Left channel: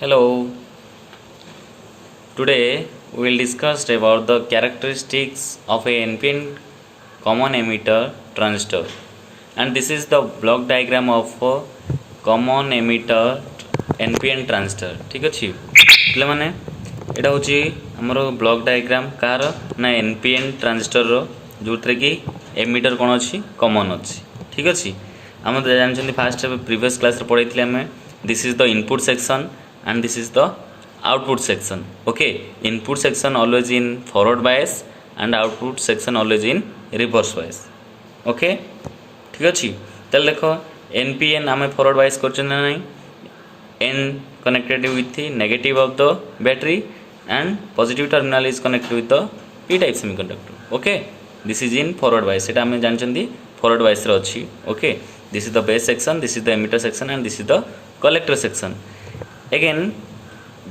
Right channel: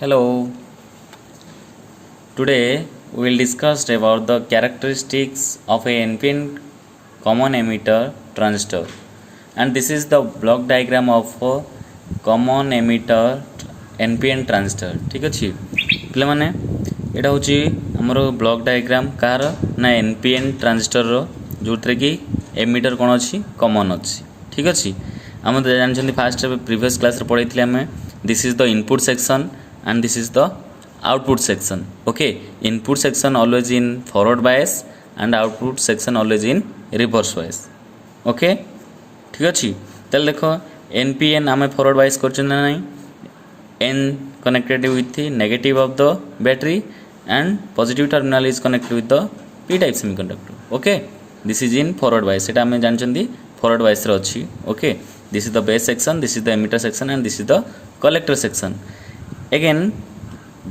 Hello, today we will discuss about the characteristics of a NPN common emitter transistor, and this is the block diagram of a common emitter NPN transistor. ठीक अच्छी पे मैंने यहाँ हूँ आमर block diagram car ना NPN transistor जो थे कि एमिटर कौन अच्छी कॉमन अच्छी ठीक अच्छी आम जानते फास्ट प्रीवियस क्लास पढ़े आम this is the input section and this is the output section. Okay, input section always in forward bias and output section always in reverse bias. Okay, ठीक अच्छी तेल देख NPN आम forward bias कर N connected with the negative of the battery and positive terminal is connected with the P type semiconductor. Okay, this is in forward bias एटा आम जानते forward bias रे अच्छी. Okay, this is the base section, this is the emitter section and this is the collector section. Again,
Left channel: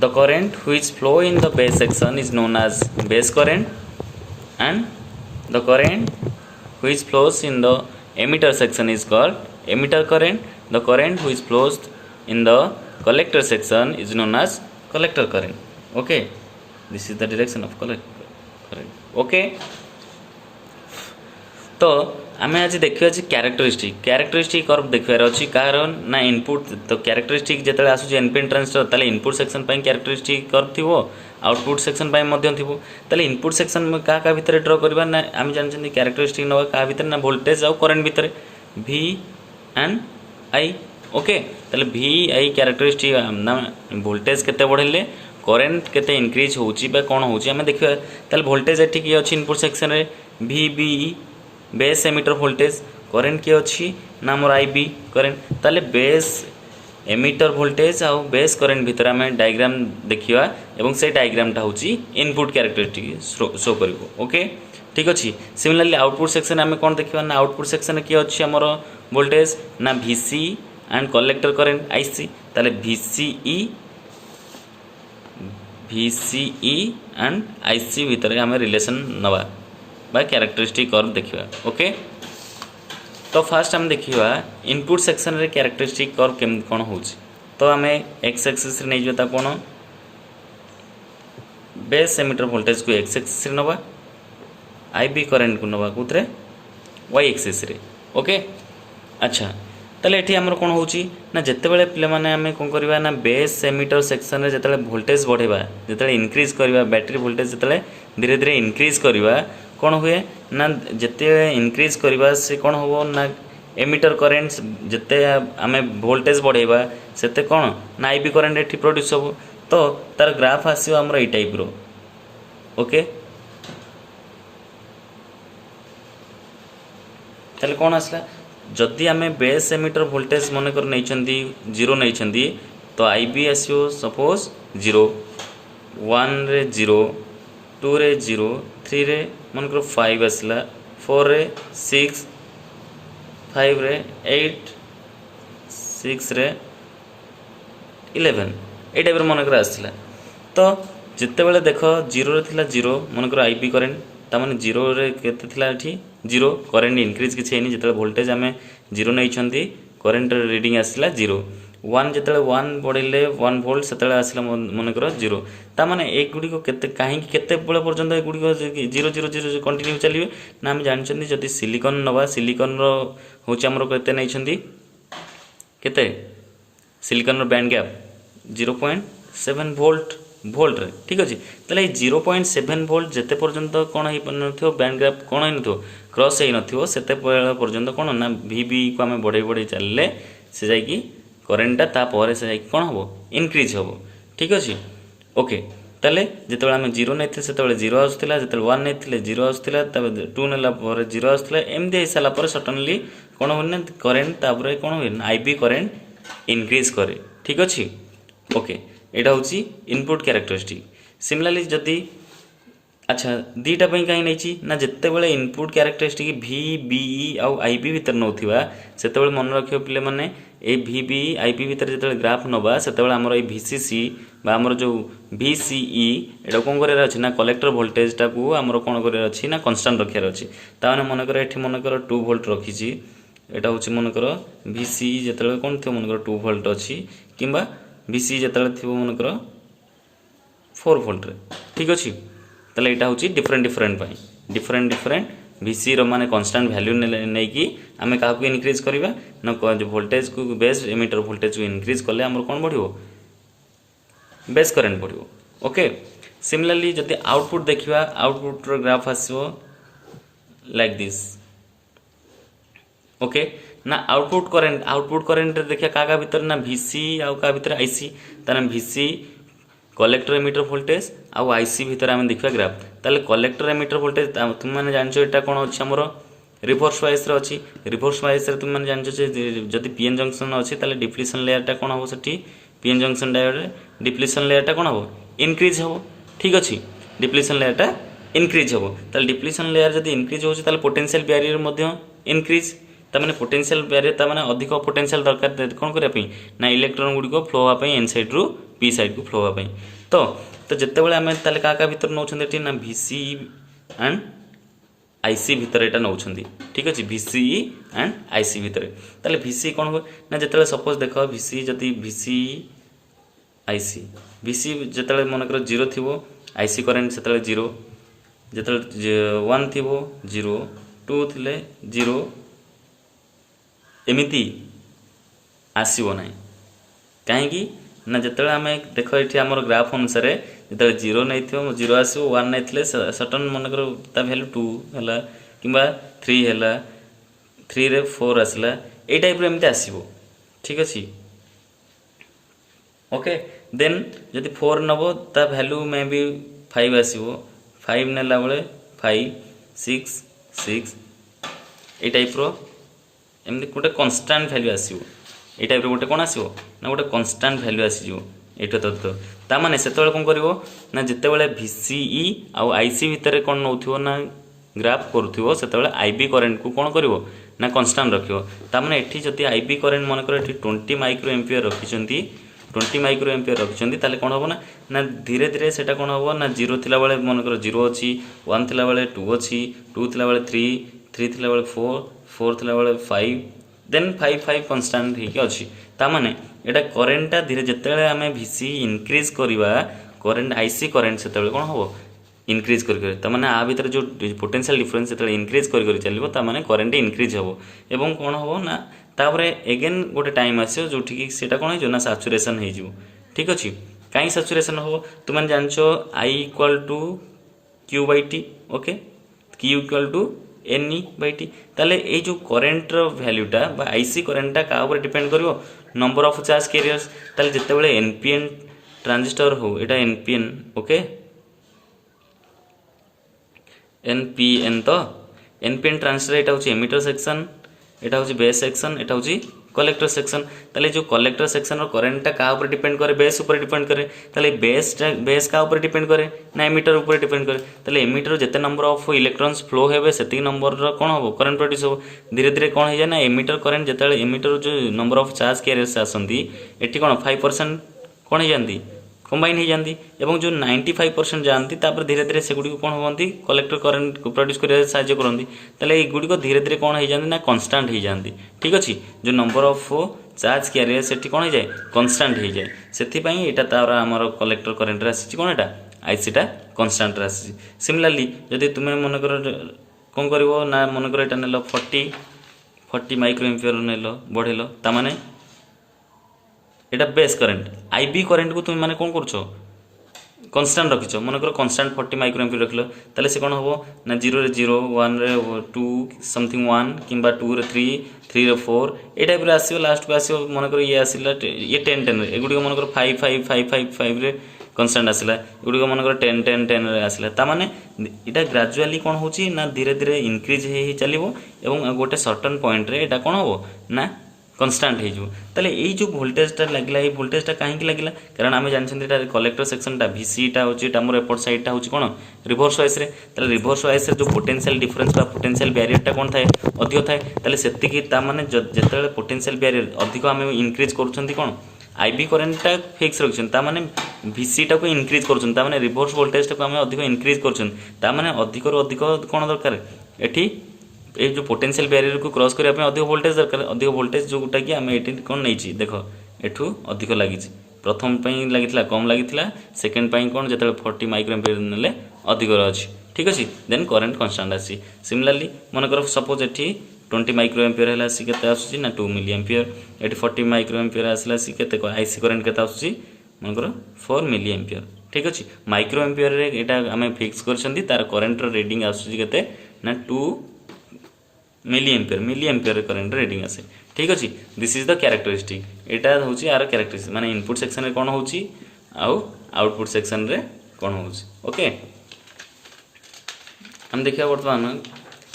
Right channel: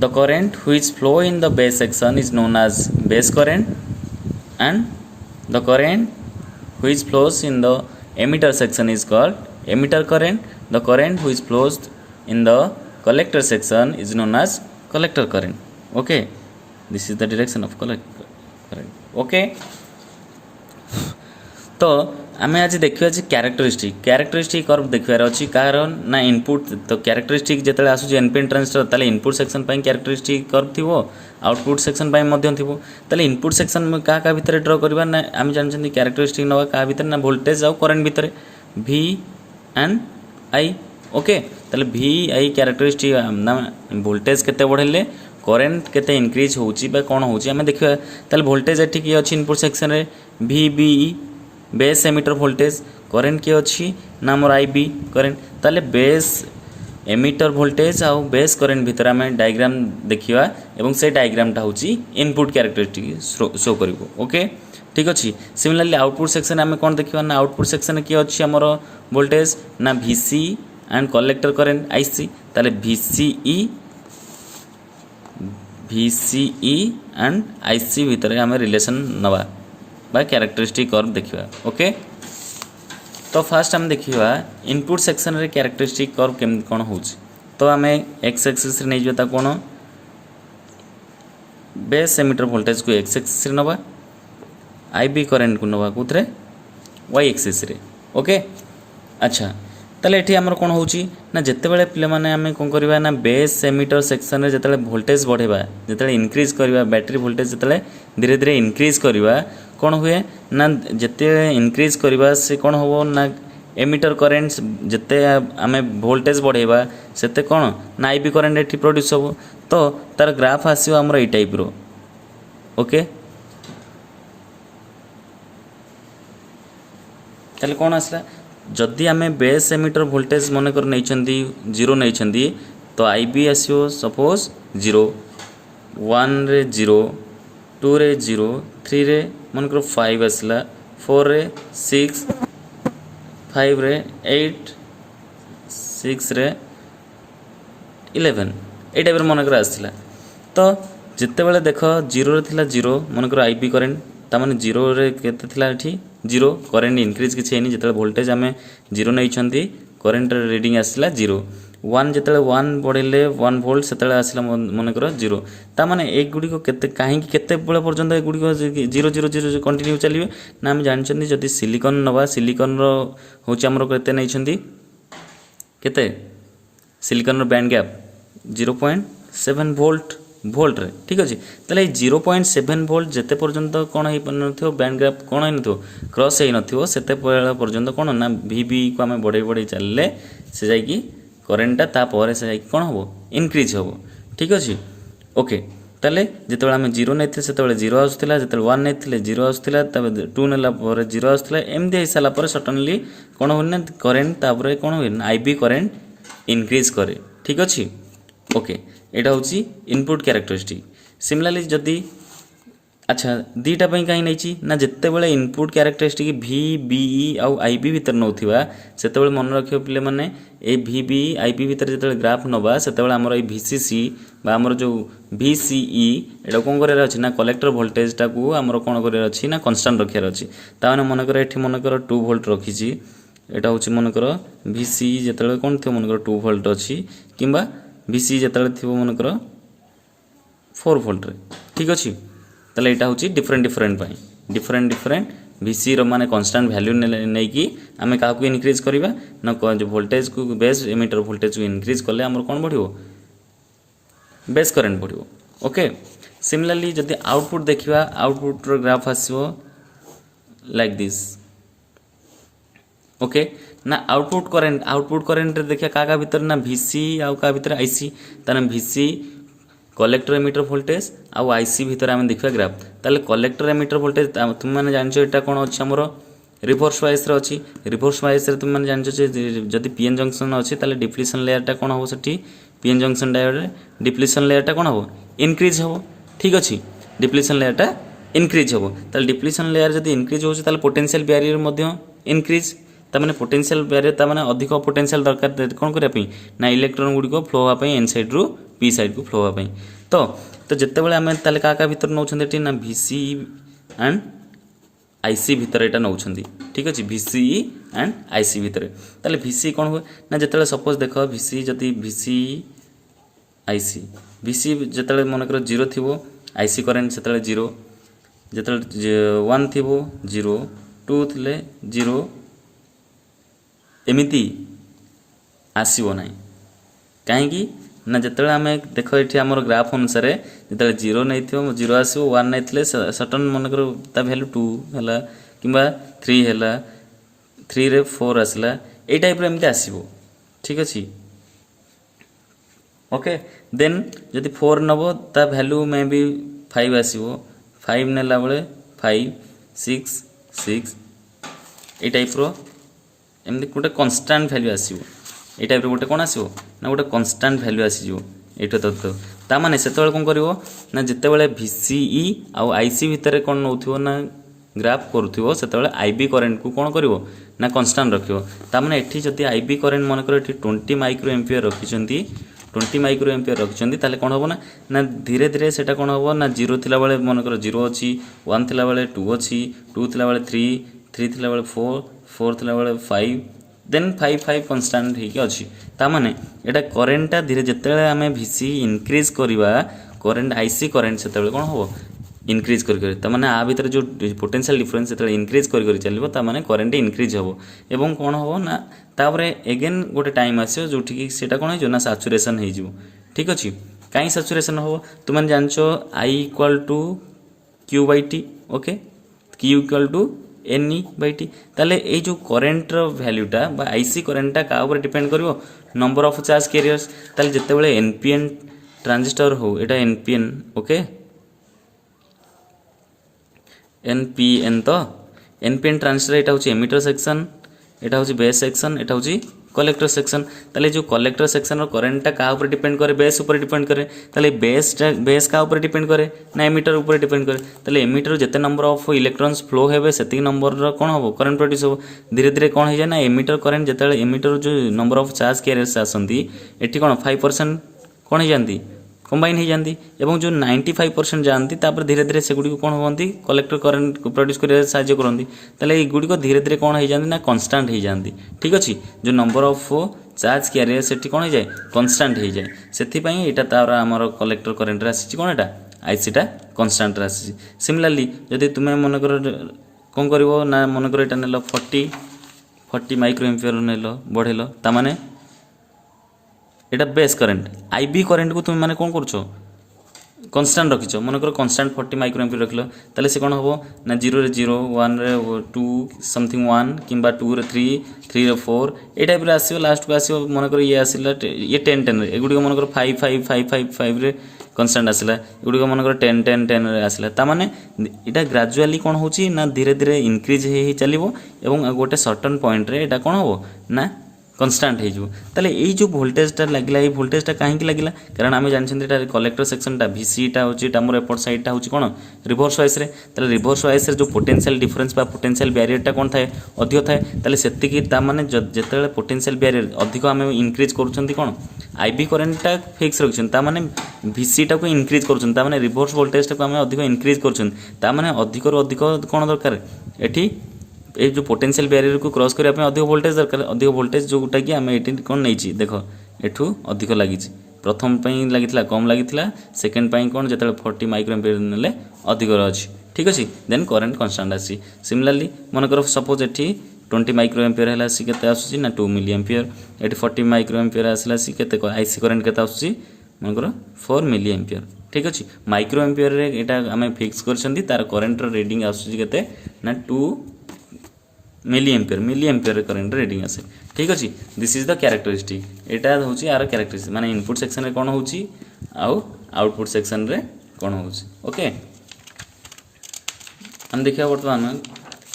the current which flow in the base section is known as base current and the current which flows in the emitter section is called emitter current. The current which flows in the collector section is known as collector current. Okay, this is the direction of collector current. Okay, तो आम आज देखा characteristic curve देखार अच्छी car ना input तो characteristic जो आसूँ NPN transistor ताले इनपुट सेक्शन क्यारेक्टरिस्टिक कर्व थी आउटपुट सेक्शन थी इनपुट सेक्शन क्या भितर ड्र करवा ना आम जानते क्यारेक्टरिस्टिक ना क्या भितर ना वोल्टेज आउ करेन्ट भितर V एंड I. ओके ताले V I क्यारेक्टरिस्टिक ना वोल्टेज केते बढ़ेले करेन्ट केते इनक्रीज होची बा कोन होची आम देखिबा ताले वोल्टेज एठी की अछि इनपुट सेक्शन रे VBE base emitter voltage current किए अच्छी ना मोर IB करेन्ट ताले बेस एमिटर वोल्टेज आउ बेस करेन्ट भितर आम डायग्राम देखिया एवं से डायग्रामटा हूँ इनपुट क्यारेक्टरिस्टिक शो करिवो. ओके ठीक अच्छी सिमिलरली आउटपुट सेक्शन आम कौन देखा ना आउटपुट सेक्शन किए अच्छी आमर वोल्टेज ना VC and collector current IC ताले VCE एंड IC भितर आम रिलेशन नवा बा क्यारेक्टरिस्टिक कर्व देखिबा. ओके तो फास्ट आम देखिबा इनपुट सेक्शन रे क्यारेक्टरिस्टिक कर्व केम कोन होउछ तो आम एक्स एक्सिस रे नै जता कोन बेस एमिटर वोल्टेज को एक्स एक्सिस रे नबा IB करेंट को नबा कुतरे वाई एक्सिस रे. ओके अच्छा ताले एठी हमर कोन होउची ना जत्ते बेले प्ले माने आमे कोन करबा ना बेस एमिटर सेक्शन रे जत्ते वोल्टेज बढ़ेबा जत्ते इंक्रीज करबा बैटरी वोल्टेज जत्ते धीरे धीरे इंक्रीज करबा कौन हुए ना जिते इनक्रीज करवा से कौन हम ना एमिटर करेन्ट जिते आम वोल्टेज बढ़ेबा सेते कौन ना IB करेन्ट एठी प्रोड्यूस हो तो तार ग्राफ आसो आमर ये टाइप रो. ओके ताले कौन आसला जदि आम बेस एमिटर वोल्टेज मन कर नहीं जीरो नहीं तो IB आसो सपोज 0 1 रे 0 2 रे 0 3 रे मनकर 5 आसला 4 रे 6 5 रे 8 6 रे 11 ए टाइप मनकर आसला तो जिते बेले देख 0 रे थिला 0 मनकर IB करेन्ट ता माने 0 रे केते थिला एठी 0 करेन्ट इंक्रीज किछि हेनी जिते वोल्टेज आमे 0 नै करेन्ट रीडिंग आसला 0 1 जिते 1 बढ़ेले 1 वोल्ट से आसला मनकर 0 ता माने एक गुडी को केते काहे केते बेले पर्यंत ए गुडी को 0 0 0 कंटिन्यू चलिबे ना हम जानछन्ती जदि सिलिकॉन नबा सिलिकॉन रो होची हमरो केते नैछन्ती केते सिलिकॉन रो बैंड गैप 0.7 वोल्ट रे ठीक अछि तले 0.7 वोल्ट जते पर्यंत कोन हे नथियो बैंड गैप कोन हे नथियो क्रॉस हे नथियो सेते पर्यंत कोन ना VB को हम बढ़े चलले से जाई की करेन्टा तापर से जाई कोन हबो इनक्रीज हबो. ठीक अछि ओके ताले जेतबे हम 0 नैथे सेतबे 0 आसुतला जेतबे 1 नैथिले 0 आसुतला तबे 2 नेला पर 0 आसुतला एमदे हिसाला पर सडनली कोन होने करेन्ट तापर कोन होय IB करेन्ट इनक्रीज करे. ठीक अछि ओके एटा होची इनपुट क्यारेक्टरिस्टिक. सिमिलरली जदी अच्छा दीटा पई काई नैची ना जत्ते बेले इनपुट क्यारेक्टरिस्टिक VBE आउ IB भीतर नौथिबा सेते बेले मन रखियो पिले माने ए VBE IB भीतर जते ग्राफ नबा सेते बेले हमर ए VCC बा हमर जो VCE एटा कोन करे अछि ना कलेक्टर वोल्टेज टा को हमर कोन करे अछि ना कांस्टेंट रखियार अछि ता माने मन करे एठी मन करे 2 वोल्ट रखिछि एटा होछि मन करे VCE जते बेले कोन थे मन करे 2 वोल्ट अछि किबा VC ଯେତେବେଳେ ଥିବ ମନେକର 4 ଭୋଲ୍ଟରେ ଠିକ୍ ଅଛି ତାହେଲେ ଏଇଟା ହେଉଛି ଡିଫରେଣ୍ଟ ପାଇଁ ଡିଫରେଣ୍ଟ VC ର ମାନେ କନଷ୍ଟାଣ୍ଟ ଭ୍ୟାଲ୍ୟୁ ନେଇକି ଆମେ କାହାକୁ ଇନକ୍ରିଜ୍ କରିବା ନା ଭୋଲ୍ଟେଜକୁ ବେସ୍ ଏମିଟର ଭୋଲ୍ଟେଜକୁ ଇନକ୍ରିଜ୍ କଲେ ଆମର କ'ଣ ବଢ଼ିବ ବେସ୍ କରେଣ୍ଟ ବଢ଼ିବ ଓକେ ସିମିଲାରଲି ଯଦି ଆଉଟପୁଟ୍ ଦେଖିବା ଆଉଟପୁଟ୍ର ଗ୍ରାଫ୍ ଆସିବ ଲାଇକ୍ ଦିସ୍ ओके ना आउटपुट करेंट देखिए क्या भितर ना VC आउ क्या भितर IC ताने VC कलेक्टर एमिटर वोल्टेज आउ IC भितर आम देखा ग्राफ ताले कलेक्टर एमिटर वोल्टेज तुम मैंने जानछ एटा कोन अछि हमरो रिवर्स वाइज रे अछि रिवर्स वाइज रे तुम मैंने जानछ जदि PN जंक्शन अछि ताले डिप्लीशन लेयरटा कोन हो सेठी PN जंक्शन डायोड रे डिप्लीशन लेयरटा कोन हो इंक्रीज हो ठीक अछि डिप्लीशन लेयरटा इंक्रीज हो ताले डिप्लीशन लेयर जदि इंक्रीज होछि ताले पोटेंशियल बैरियर मध्ये इंक्रीज ताने पोटेंशियल बैरियर ताने अधिक पोटेंशियल दरकार कौन करने ना इलेक्ट्रॉन गुड़िक फ्लो हाँपाई एन साइड रु पी साइड को फ्लो हाँपाई तो जिते बड़े आम ताले क्या भितर नौ ना VC एंड IC भितर यहाँ नौ ठीक अच्छे VCE एंड IC भितर ताले VC कौन हुए ना जिते सपोज देख VC जदि VC IC VC जिते मनकर 0 थी IC करेन्ट से 0 जिते 1 थी 0 2 थे 0 एमिति आसो ना कहीं ना जिते आम देख ये आम ग्राफ अनुसार जो 0 नहीं 0 आसो 1 नहीं सटन मनकर भैल्यू 2 है कि 3 है 3 रे 4 आसला ये टाइप एमती आसो ठीक अच्छे ओके देन जदि 4 नब ता भैल्यू मे भी 5 आसो 5 नेला बेले 5 6 6 ये टाइप एमती गोटे कन्स्टांट भैल्यू आसो ये टाइप गोटे कौन आसो ना गोटे कन्स्टांट भैल्यू आसीज ये ताने से कौन कर ना जिते बड़े VCE आउ IC भितर कौन नौ ना ग्राफ करूँ से IB करेन्ट को कौन कर ना कन्स्टांट रख ताने ये जदि IB करेन्ट मनकर 20 माइक्रो एम्पियर रखिंट 20 माइक्रो एम्पियर रखिंट ताले कौन हम ना धीरे धीरे से कौन हम ना 0 थिला बेले मनकर 0 अच्छी 1 थिला बेले 2 अच्छी 2 थिला बेले 3 थिला बेले 4 थिला बेले 5 देन 5 कन्स्टांट होगी अच्छी ताने यहाँ करेन्टा धीरे जिते आम VC इनक्रीज करवा करेन्ट IC करेन्ट से कौन हम इनक्रीज कर आ भर जो पोटेंशियल डिफरेंस जो इनक्रीज कर चलो ताने करेन्ट इनक्रीज हम एवं कौन हम ना तापर एगेन गोटे टाइम आसो जो से कौन हो ना सैचुरेशन हो ठीक अच्छे कहीं सैचुरेशन हो तुम जानच I = Q/T okay Q = NE/T ताले ये जो करेन्ट वैल्यूटा IC करेन्टा क्या डिपेंड करिवो नंबर ऑफ चार्ज कैरियर्स ताले जिते बड़े NPN ट्रांजिस्टर हो एटा NPN ओके NPN तो NPN ट्रांजिस्टर एटा होची एमिटर सेक्शन एटा होची बेस सेक्शन एटा होची कलेक्टर सेक्शन ताले जो कलेक्टर सेक्शन करेन्टा क्या डिपेंड करे बेस ऊपर डिपेंड करे ताले बेस क्या डिपेंड करे ना एमिटर ऊपर डिपेंड करे ताले एमिटर जिते नंबर ऑफ इलेक्ट्रॉन्स फ्लो हेबे सेती नंबर कौन हम करेन्ट प्रोड्यूस हो धीरे धीरे कौन हो जाए ना एमिटर करेन्ट जिते एमिटर जो नंबर ऑफ चार्ज कैरियर्स आसती एटी कौन 5% कौन हो जाती कंबाइन हो जाती एवं जो 95% जानती धीरे धीरे से गुड़ी कौन होती कलेक्टर करेन्ट को प्रोड्यूस कर साहाय्य करती गुड़िक धीरे धीरे कौन हो जाती ना कन्स्टांट हो जाती ठीक अच्छे जो नंबर ऑफ चार्ज कैरियर से कौन हो जाए कन्स्टांट हो जाए से यहाँ तार आमर कलेक्टर करेन्ट आसी कौन एटा ICटा कन्स्टांट आसी सिमिलारली जदि तुम्हें मनकर कौन कर ना मनकर यहाँ नेल 40 माइक्रो एम्पियर नेल बढ़ेल ताने एटा बेस करेन्ट IB करेन्ट को तुम माने कौन कर कन्स्टांट रखिच मनकर कन्स्टांट 40 माइक्रो एम्पियर रखल ताले से कौन हम ना 0 रे 0 1 रे 2 समथिंग 1 किंबा 2 रे 3 रे 4 ए टाइप रे आसीयो लास्ट को आसीयो मनकर ये आसीला ये 10 10 रे एगुडी मनकर 5 5 5 5 5 रे कन्स्टांट आसीला एगुडी मनकर 10 10 10 रे आसीला ता माने एटा ग्रेजुअली कौन होची ना धीरे धीरे इंक्रीज हे चलिबो एवं गोटे सर्टेन पॉइंट रे एटा कौन हो ना कन्स्टांट हो जो भोल्टेजटा लगे ये भोल्टेजटा कहीं लगे कारण आम जानते कलेक्टर सेक्शनटा VCटा हूँ आम एपट सैडटा हूँ कौन रिभर्स वाइस रिभर्स वाइस जो पोटेंशियल डिफरेंस पोटेंशियल बैरियरटा कौन थाए अधिक थाए से माने जिते पोटेंशियल बैरियर अधिक आम इनक्रीज कौन IB करेन्टा फिक्स रखिंट ताने VCटा को इनक्रीज कर रिभर्स वोल्टेजटा को आम अधिक इनक्रीज कर अधिक अधिक कौन दरकार ये ये जो पोटेंशियल बैरियर को क्रॉस करने अधिक वोल्टेज दरकार अधिक वोल्टेज जोटा कि आम ये कौन नहीं देख एठू अधिक लगी प्रथम लगी कम लगी सेकेंड कौन जो 40 माइक्रो एम्पियर ने अधिक अच्छी ठीक अच्छे देन करेन्ट कन्स्टाट आसी सिमिलारली मनकर सपोज ये 20 माइक्रो एम्पियर है सी के आसूँ ना 2 मिली एम्पियर ये 40 माइक्रो एम्पियर आसला सी के आईसी करेन्ट के आसूँ मनकर 4 मिली एम्पियर ठीक अच्छे माइक्रो एम्पियर यहाँ आम फिक्स कर तार करेन्ट रिडिंग आसूँ के ना 2 मिली एम्पियर करेन्ट रिडिंग आसे ठीक अच्छे दिस इज द कैरेक्टरिस्टिक यहाँ हूँ यार कैरेक्टरिस्टिक माने इनपुट सेक्शन रे कौन होची आउ आउटपुट सेक्शन रे कौन होची ओके हम देखिए बर्तमान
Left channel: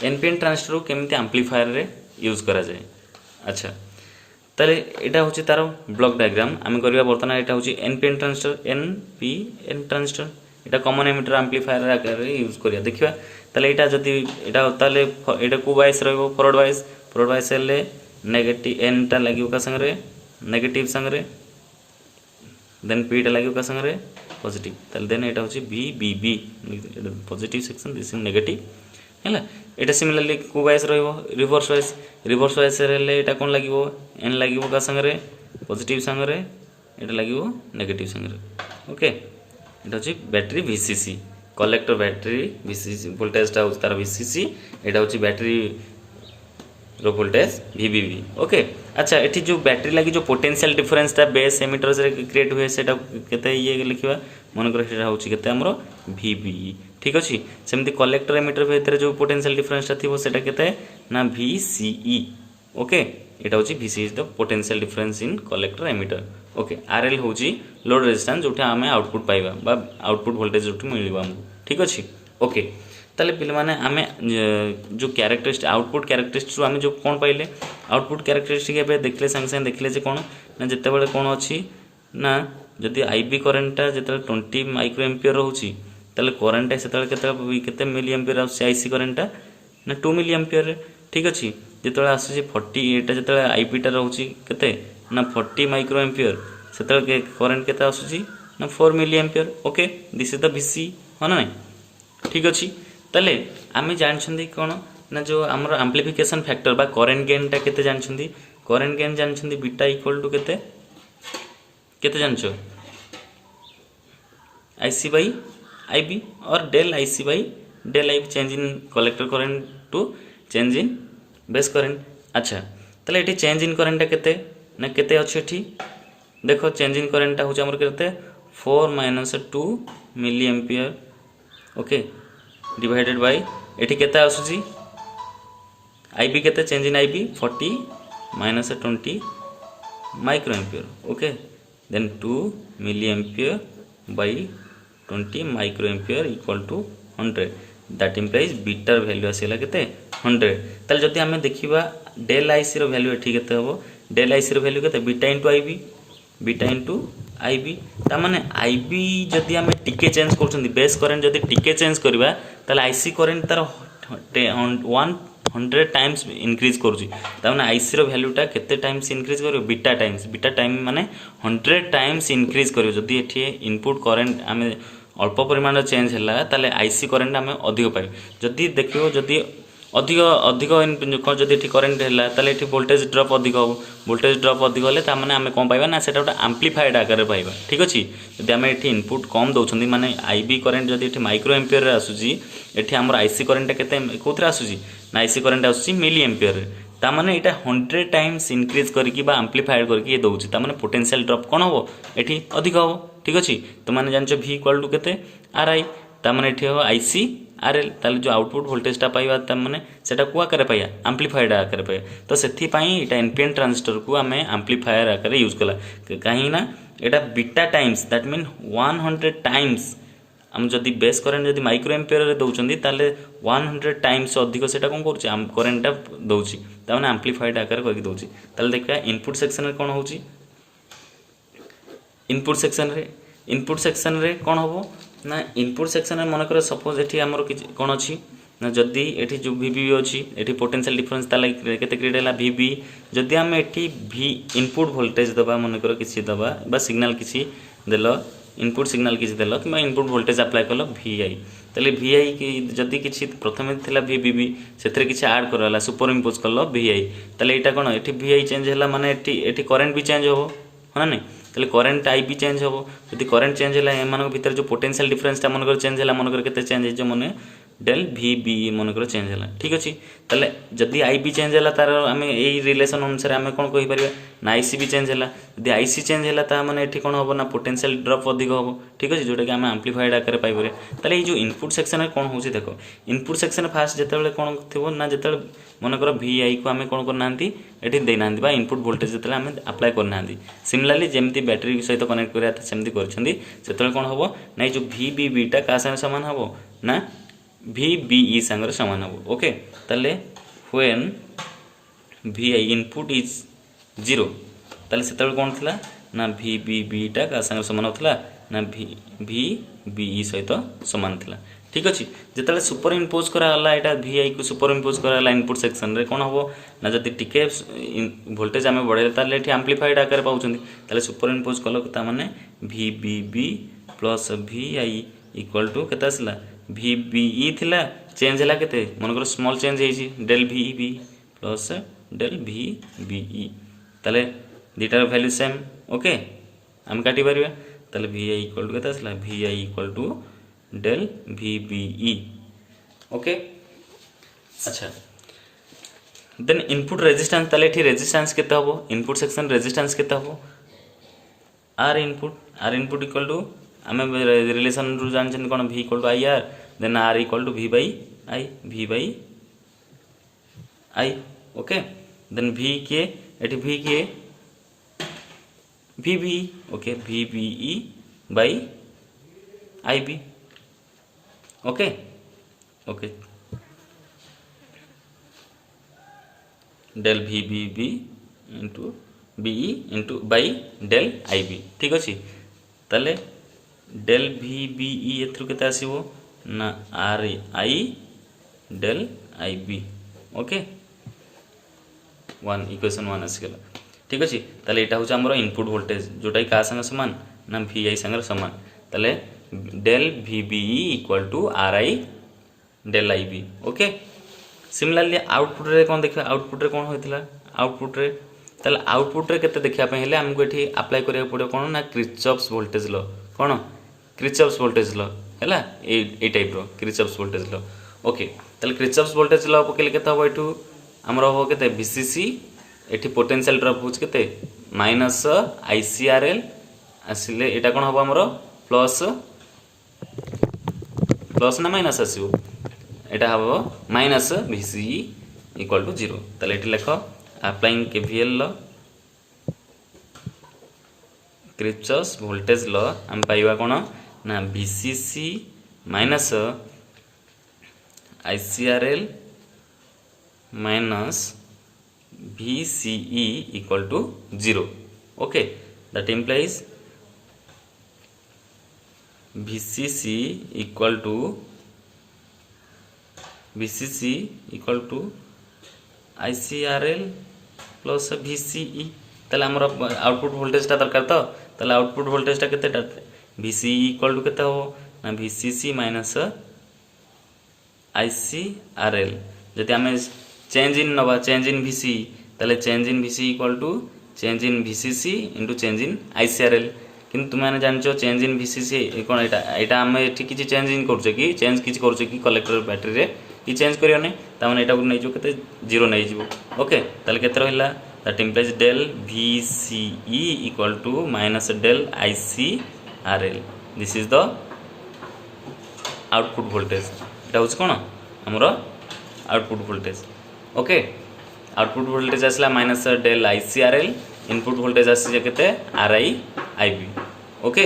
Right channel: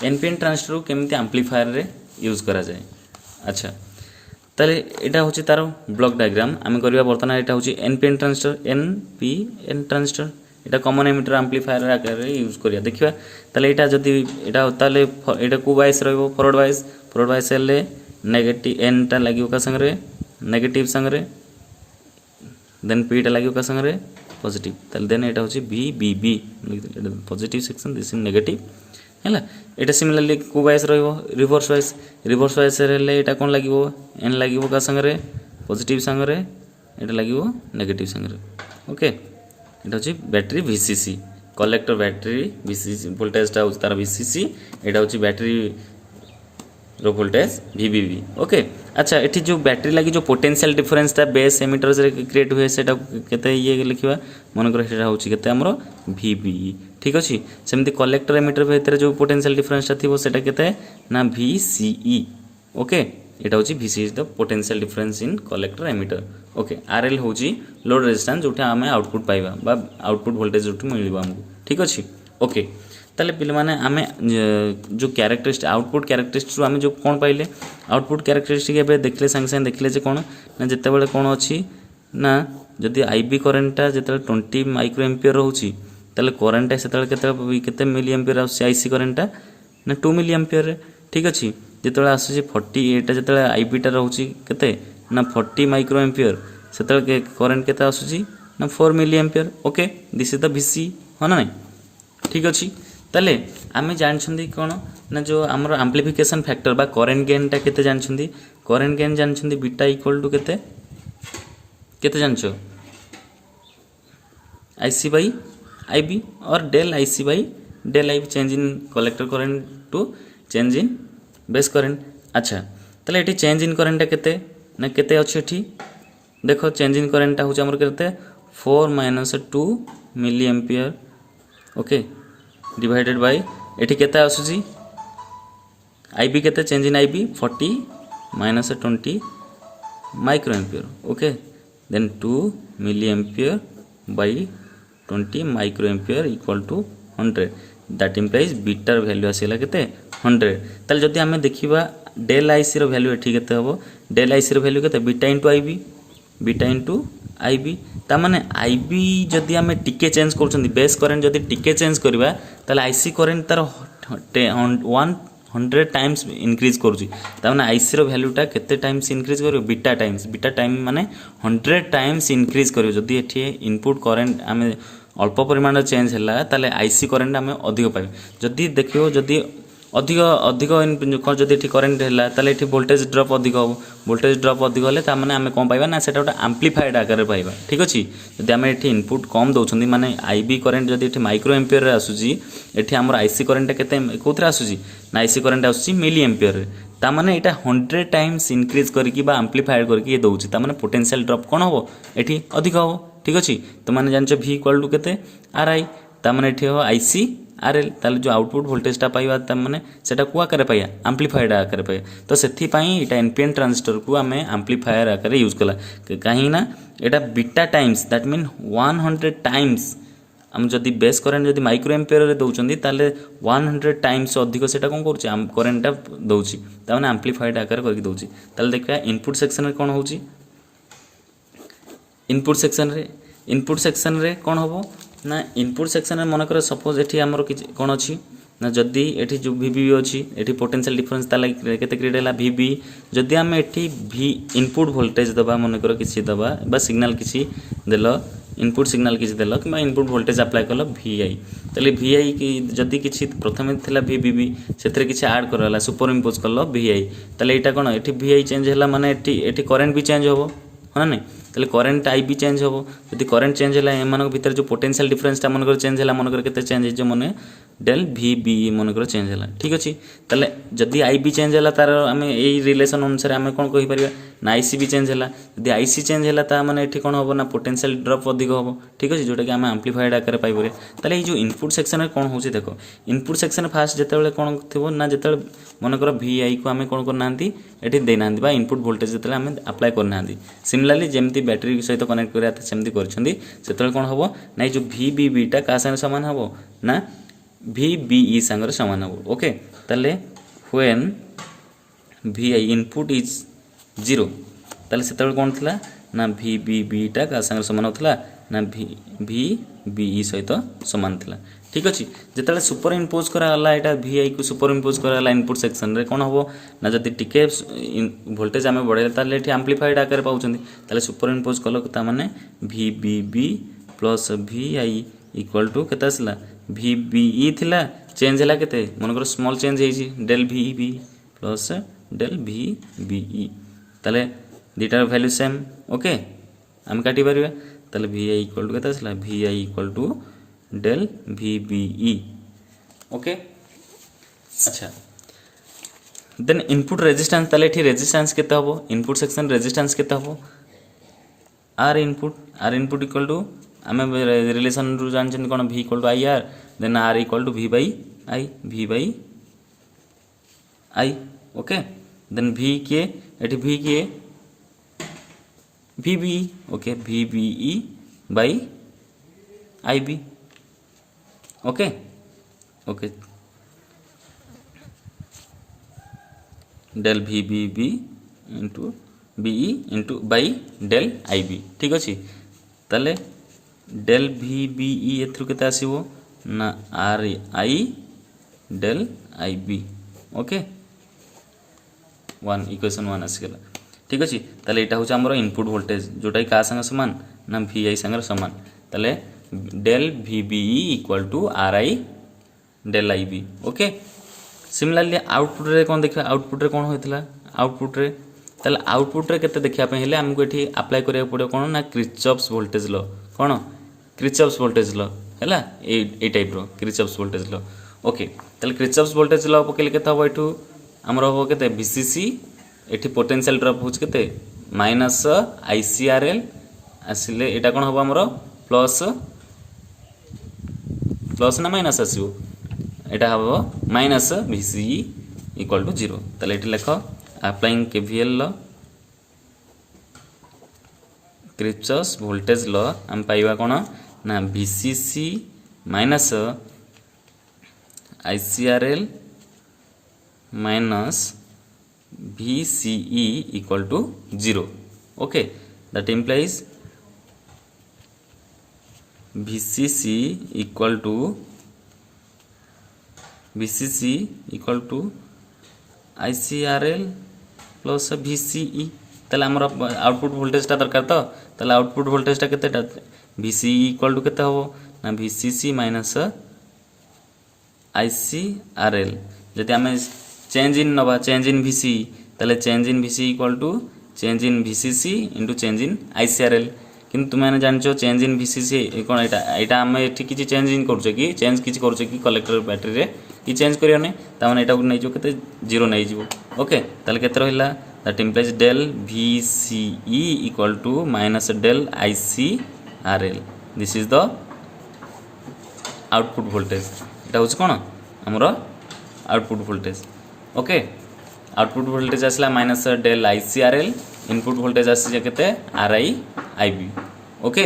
एनपीएन ट्रांजिस्टर केमती एम्प्लीफायर रे यूज करा जाए अच्छा ताले एटा होची तार ब्लॉक डायग्राम आम करबा बर्तमान एटा होची एनपीएन ट्रांजिस्टर एटा कॉमन एमिटर एम्प्लीफायर आकार रे यूज करिया देखिबा ताले एटा जदी एटा ताले एटा को वाइस रहबो फॉरवर्ड वाइस हेले नेगेटिव एन टा लागियो का संग रे नेगेटिव संग रे देन पी टा लागियो का संग रे पॉजिटिव ताले देन एटा होची B positive section this is negative हैला एटा सिमिलरली को वाइस रहबो रिवर्स वाइस हेले एटा कोन लागियो एन लागियो का संग रे पॉजिटिव संग रे एटा लागियो नेगेटिव संग रे ओके एटा होची battery VCC collector battery VCC voltage टा तार वीसीसी एटा होची बैटरी रो वोल्टेज वीवीबी ओके अच्छा एठी जो बैटरी लगी जो पोटेंशियल डिफरेंस ता बेस एमिटर से क्रिएट हुए सेटा केते ये लिखिबा मन कर सेटा होची केते हमरो वीबी ठीक अछि सेमति कलेक्टर एमिटर भीतर जो पोटेंशियल डिफरेंस ता थिबो सेटा केते ना वीसीई ओके एटा होची VC is the potential difference in collector emitter okay RL होची लोड रेजिस्टेंस जोटा हमें आउटपुट पाइबा बा आउटपुट वोल्टेज जोटा मिलबा हमको ठीक अछि ओके ताले पिले माने आमे जो कैरेक्टरिस्टिक आउटपुट कैरेक्टरिस्टिक आमे जो कोन पाइले आउटपुट कैरेक्टरिस्टिक एबे देखले संग देखले जे कोन ना जते बेले कोन अछि ना जदि आईबी करेंटटा जते 20 माइक्रो एम्पियर रहउची ताले करेंट सेते केते मिली एम्पियर आसी आईसी करेंटटा ना 2 मिली एम्पियर ठीक अछि जते आसी 40 एटा जते आईबी टा रहउची केते ना 40 माइक्रो एम्पियर सेते करेंट केते आସୁची ना 4 milli ampere okay this is the VC हो ना नहीं ठीक अछि ताले आमे जानछंदी कोन ना जो हमर एम्प्लीफिकेशन फैक्टर बा करेंट गेन टा केते जानछंदी करेंट गेन जानछंदी बीटा इक्वल टू केते केते जानछो आईसी बाई आईबी और del IC by del IB change in collector current to change in base current अच्छा ताले एठी चेंज इन करंट टा केते ना केते अछि एठी देखो चेंज इन करंट टा होछ हमर केते 4 - 2 milli ampere okay divided by एठी केते आसुची आईबी केते change in IB 40 - 20 micro ampere okay then 2 milli ampere by 20 micro ampere equal to 100 that implies beta value आसीला केते 100 ताले जदी हमें देखिबा डेल आईसी रो वैल्यू एठी केते हबो डेल आईसी रो वैल्यू केते बीटा इनटू आईबी ता माने आईबी जदी हमें टिके चेंज करछन बेस करंट जदी टिके चेंज करबा ताले आईसी करंट तार 100 टाइम्स इंक्रीज करूची ता माने आईसी रो वैल्यूटा केते टाइम्स इंक्रीज करियो बीटा टाइम माने 100 टाइम्स इंक्रीज करियो जदी एठी इनपुट करंट हमें अल्प परिमाण चेंज हला ताले आईसी करंट हमें अधिक पाइ जदी देखियो जदी अधिक जदि ये करेन्ट है ताले ये वोल्टेज ड्रप अधिक हम वोल्टेज ड्रप अधिक हेल्ले ताने आम कौन पाइबा ना से गोटे आम्प्लीफाइड आकार पाइबा ठीक अच्छे जब आम ये इनपुट कम दौरान माने आईबी करेन्ट जब ये माइक्रो एम्पियर आसूसी ये आम आईसी करेन्ट के कौन आसूसी ना आईसी करेन्ट आसूसी मिली एम्पियर ताने यहाँ 100 टाइम्स इनक्रीज करके आम्प्लीफाइड करके दौर ताने पोटेंशियल ड्रप कौन हम ये अधिक हम ठीक अच्छे तो मैंने जान भी इक्वल टू के आर आई ताने ये हम आईसी आरएल ताले जो आउटपुट वोल्टेजटा पाइबा ताने सेटा को आकार पाइया आम्प्लीफाइड आकार पाइया तो से यहाँ एनपीएन ट्रांजिस्टर को आम आम्प्लीफायर आकार यूज कला कहीं ना यहाँ beta times that mean 100 times आम जदि बेस करेन्ट जदि माइक्रो एम्पियर दौरान ताले 100 टाइम्स अधिक से कौन कर करेन्टा दौर ताने आम्प्लीफाइड आकार करके दौर ताले देखा इनपुट सेक्शन रे कौन हो इनपुट सेक्शन रे कौन हम ना इनपुट सेक्शन में मनकर सपोज ये आमर कौन अच्छी ना जदि ये जो वीबी अच्छी ये पोटेंशियल डिफरेंस केते क्रिएट है वीबी जदि आम ये भी इनपुट वोल्टेज दबा मनकर किसी दबा बा सिग्नल किसी देल इनपुट सिग्नल किसी देल कि इनपुट वोल्टेज अप्लाई कल VI ताले VI कि जदि किसी प्रथम थिला VBB से किसी ऐड कराला सुपर इम्पोज कल VI ताले यहाँ कौन ये VI चेंज है माने ये करेन्ट भी चेंज हो ना नहीं ताले करंट आईबी चेंज होबो यदि करंट चेंज होला एमान भीतर जो पोटेंशियल डिफरेंस टा मनकर चेंज होला मनकर केते चेंज हे जो मने डेल भी बी मनकर चेंज होला ठीक अछि ताले जदि आईबी चेंज होला तार आमे एई रिलेशन अनुसार आमे कोन कहि परिबा ना आईसी भी चेंज होला यदि आईसी चेंज होला ता माने एठी कोन होबो ना पोटेंशियल ड्रॉप अधिक होबो ठीक अछि जोटा कि आमे एम्प्लीफाइड आकार पाइ परिबा ताले ए जो इनपुट सेक्शन रे कोन होउछि देखो इनपुट सेक्शन फास्ट जते बेले कोन थिबो ना जते मनकर वीआई को आमे कोन करनांती एठी देई नांती बा इनपुट वोल्टेज जते आमे अप्लाई करनांती सिमिलरली जेमति बैटरी सहित कनेक्ट करिया सेमति करछंदी सेते कोन होबो ना जो वीबीबी टा का संग समान होबो ना VBE संगर समान हो ओके ताले व्हेन VI इनपुट इज 0 ताले सेतबे कोन थिला ना VBB टा का संगर समान होतला ना VBE सहित समान थिला ठीक अछि जेतले सुपर इंपोज करा हला एटा VI को सुपर इंपोज करा हला इनपुट सेक्शन रे कोन होबो ना जति टिके वोल्टेज आमे बढ़े ताले एठी एम्प्लीफाइड आकार पाउछंदी ताले सुपर इंपोज कलो ता माने VBB plus VI equal to केता आसला VBE थिला चेंज हला केते मनकर स्मॉल चेंज हेजी del VB plus del VBE ताले दीटार वैल्यू सेम ओके हम काटी परिबा ताले VI इक्वल टू केता आसला VI equal to del VBE okay अच्छा देन इनपुट रेजिस्टेंस ताले एठी रेजिस्टेंस केते हबो इनपुट सेक्शन रेजिस्टेंस केते हबो R input इक्वल टू आमे रिलेशन रु जानछन कोन V equal to IR then R equal to V by I okay then V के एठी V के VBE okay VBE by IB okay okay del VBB into BE into by del IB ठीक अछि ताले del VBE एथरु केते आसीबो ना RI del IB okay 1 equation 1 आसीगला ठीक अछि ताले एटा होछ हमरो इनपुट वोल्टेज जोटा का संग समान ना VI संग समान ताले del VBE equal to RI del IB okay similarly output रे कोन देखियो आउटपुट रे कोन होइतला आउटपुट रे ताले आउटपुट रे केते देखिया पे हेले हमको एठी अप्लाई करिया पड़े कोन ना किर्चॉफ्स वोल्टेज लॉ कोन किर्चॉफ्स वोल्टेज लॉ हैला ए टाइप रो किर्चॉफ्स वोल्टेज लॉ ओके ताले किर्चॉफ्स वोल्टेज लॉ पकेले केते हो एठू हमरो हो केते VCC एठी पोटेंशियल ड्रॉप होच केते माइनस ICRL आसिले एटा कोन हो हमरो प्लस ना माइनस आसीबो एटा हो माइनस VCE इक्वल टू 0 ताले एठी लेखो applying KVL law Kirchhoff's voltage law हम पाइबा कोन ना VCC minus ICRL minus VCE equal to 0 okay that implies VCC equal to ICRL plus VCE ताले हमर आउटपुट वोल्टेज ता दरकार तो ताले आउटपुट वोल्टेज ता केते VCE इक्वल टू केते हो ना VCC माइनस ICRL जति हमें चेंज इन नबा चेंज इन VCE ताले change in VCE equal to change in VCC into change in ICRL किंतु तुम माने जानछो चेंज इन VCC कोन एटा हम एठी किछि चेंज इन करछे कि चेंज किछि करछे कि कलेक्टर बैटरी रे कि चेंज करियो नै ता माने एटा को नै जो केते 0 नै जिवो ओके ताले केते रहला that implies del VCE equal to minus del ICRL this is the output voltage एटा होछ कोन हमरो output voltage okay output voltage आसला minus del ICRL input voltage आसी केते RI IB ओके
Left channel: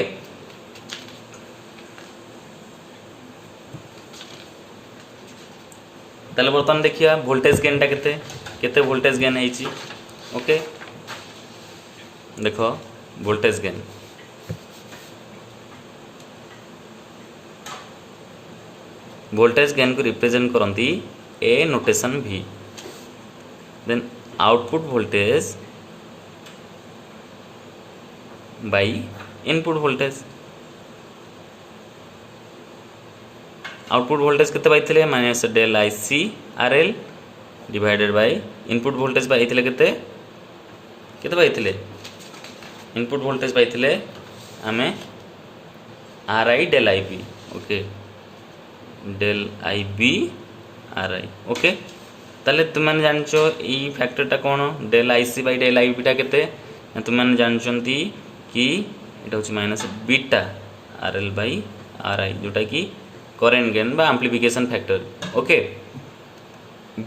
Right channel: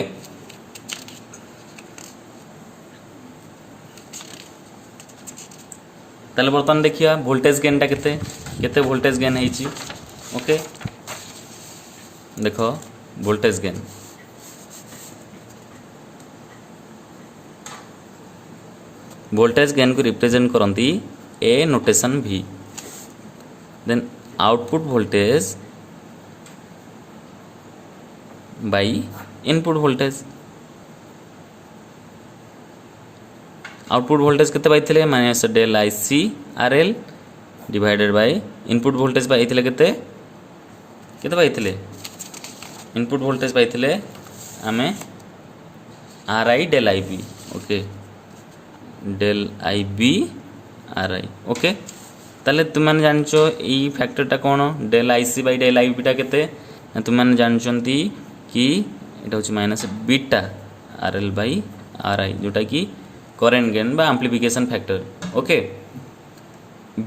ताले बर्तन देखिया वोल्टेज गेन टा केते केते वोल्टेज गेन हेची ओके देखो वोल्टेज गेन को रिप्रेजेंट करंती A notation V then output voltage by input voltage output voltage केते पाइथिले minus del ICRL divided by input voltage पाइथिले केते पाइथिले इनपुट वोल्टेज पाइथिले आमे R I del I B okay del I B R I okay ताले तुम जानचो ई फैक्टरटा कौन del I C by del I beta केते तुम जानचंती कि एटा होची minus beta R L by R I जोटा कि करेंट गेन बा amplification factor okay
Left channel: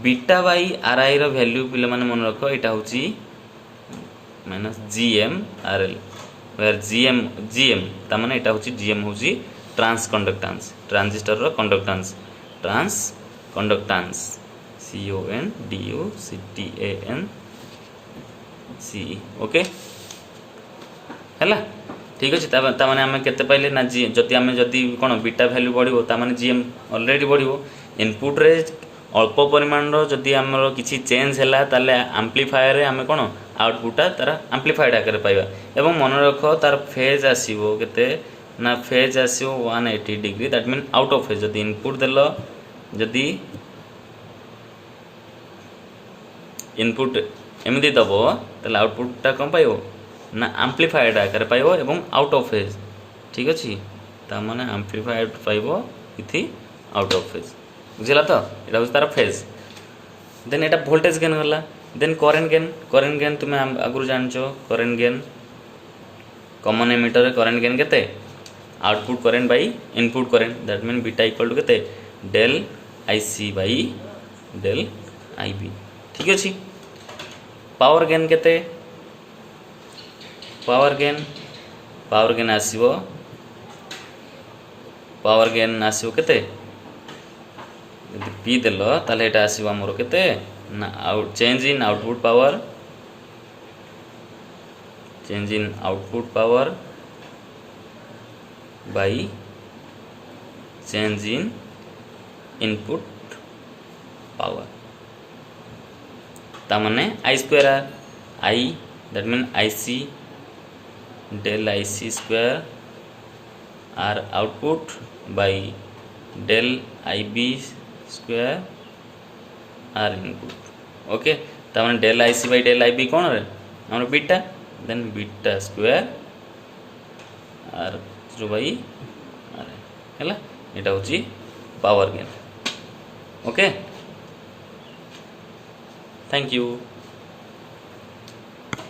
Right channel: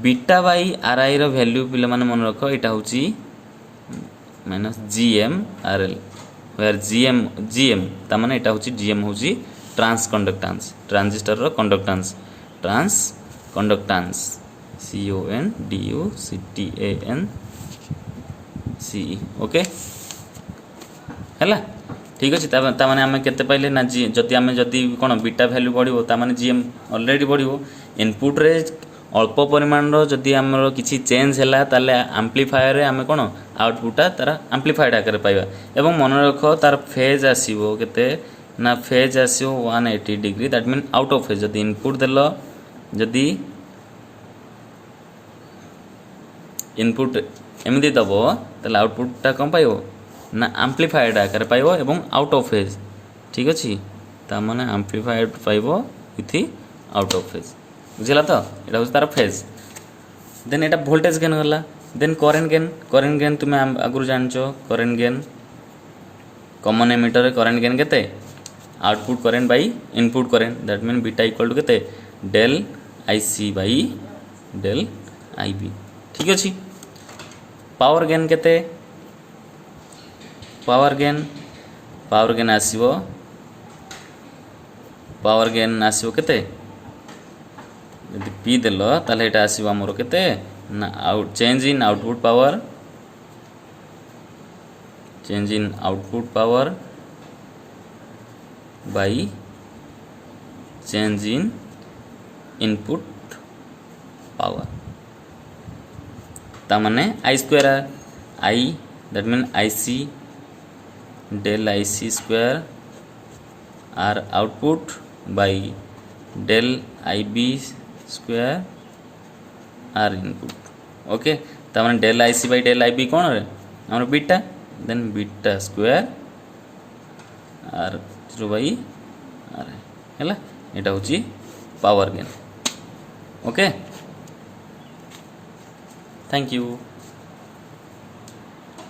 beta by R I रो वैल्यू पिले माने मन रखो एटा होची minus GM R L where GM ता माने एटा होची जीएम होची ट्रांस कंडक्टेंस ट्रांजिस्टर रो conductance transconductance CONDUCTANCE okay हैला ठीक अछि ता माने हमें केते पहले ना जी जति हमें जति कोन बीटा वैल्यू बढ़िबो ता माने जीएम ऑलरेडी बढ़िबो इनपुट रे अल्प परिमाण रो जति हमर किछि चेंज हैला ताले एम्प्लीफायर रे हमें कोन आउटपुट तारा एम्प्लीफाइड आकर पाइबा एवं मन रखो तार फेज आसीबो केते ना फेज आसीबो 180 degree that mean out of phase जति इनपुट देलो जति इनपुट एमदी दबो ताले आउटपुटटा कम पाइबो ना एम्प्लीफाइड आकर पाइबो एवं आउट ऑफ फेज ठीक अछि ता माने एम्प्लीफाइड पाइबो इथि आउट ऑफ फेज बुझिला तो एटा होस तार फेज देन एटा वोल्टेज गेन होला देन करेंट गेन तुम आगु जानचो करेंट गेन कॉमन एमीटर रे करेंट गेन केते output current by input current that mean beta equal to केते del IC by del IB ठीक अछि पावर गेन केते पावर गेन आसीबो केते यदि पी देलो ताले एटा आसीबो हमरो केते ना out change in output power by change in input power ता माने I square I that mean IC del IC square R output by del IB square R input okay ता माने del IC by del IB कोन रे हमर beta then beta square R through by R हैला एटा होची power gain okay thank you.